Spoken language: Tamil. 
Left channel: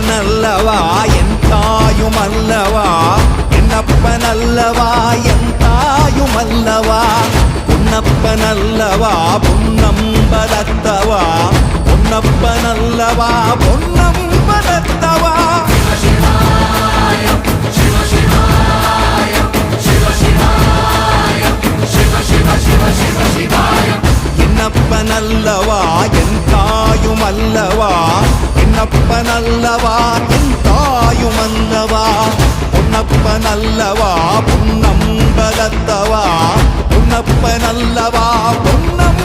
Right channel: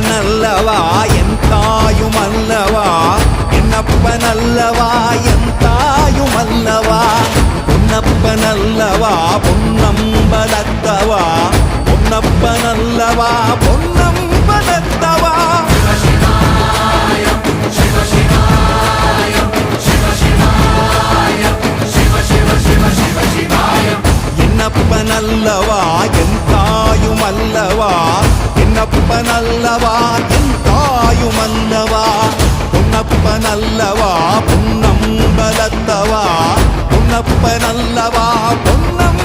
என்னப்பனல்லவா என் தாயுமல்லவா, என்னப்பனல்லவா என் தாயுமல்லவா, பொன்னப்பனல்லவா பொன்னம்பலத்தவா, பொன்னப்பனல்லவா பொன்னம்பலத்தவா. என்னப்பனல்லவா என் தாயுமல்லவா, என்னப்பனல்லவா என் தாயுமல்லவா, பொன்னப்பனல்லவா பொன்னம்பலத்தவா, பொன்னப்பனல்லவா பொன்னம்